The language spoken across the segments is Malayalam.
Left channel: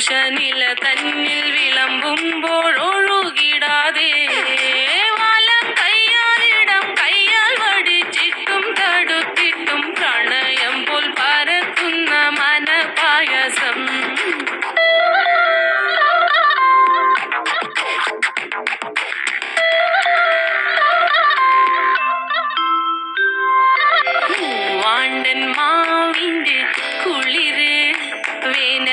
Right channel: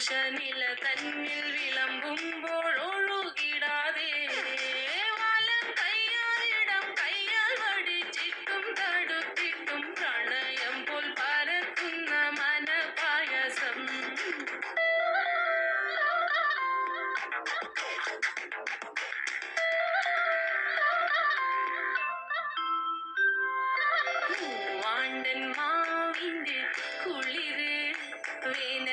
പുരുഷനില തന്നിൽ വിളമ്പുമ്പോൾ ഒഴുകിടാതെ വലം കയ്യാലിടം കയ്യാൽ വടിച്ചിട്ടും തടുത്തിട്ടും പ്രണയം പോൽ പരക്കുന്ന മനപായസം വാണ്ടൻ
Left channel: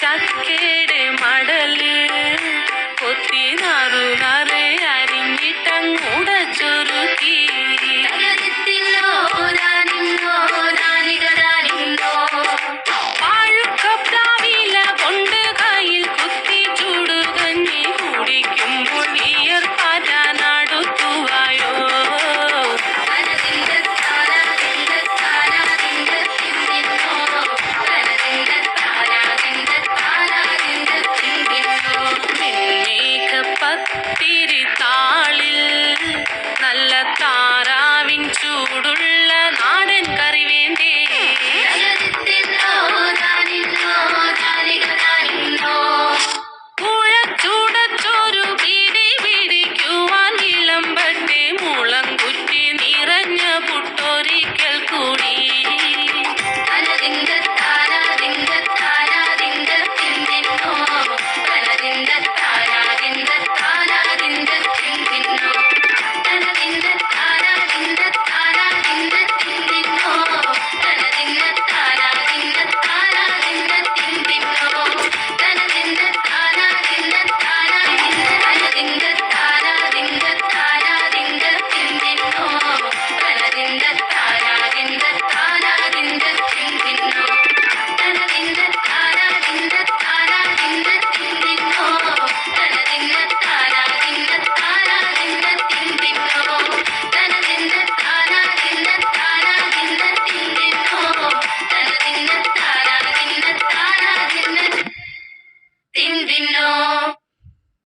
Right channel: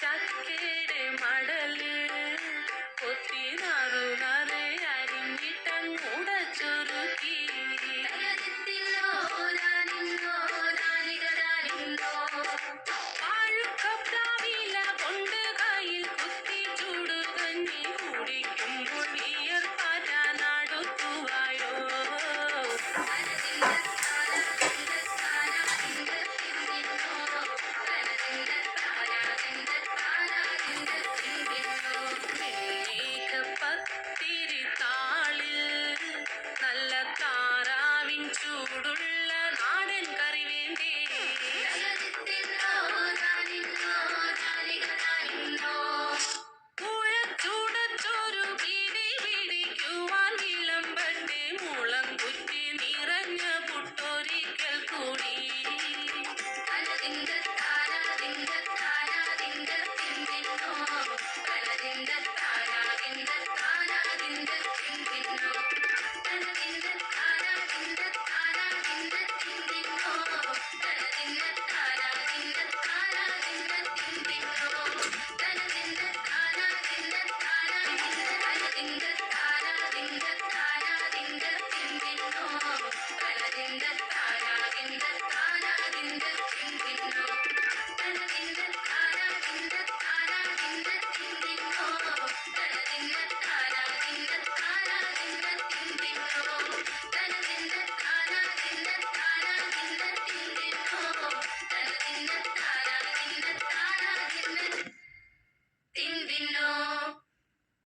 Got the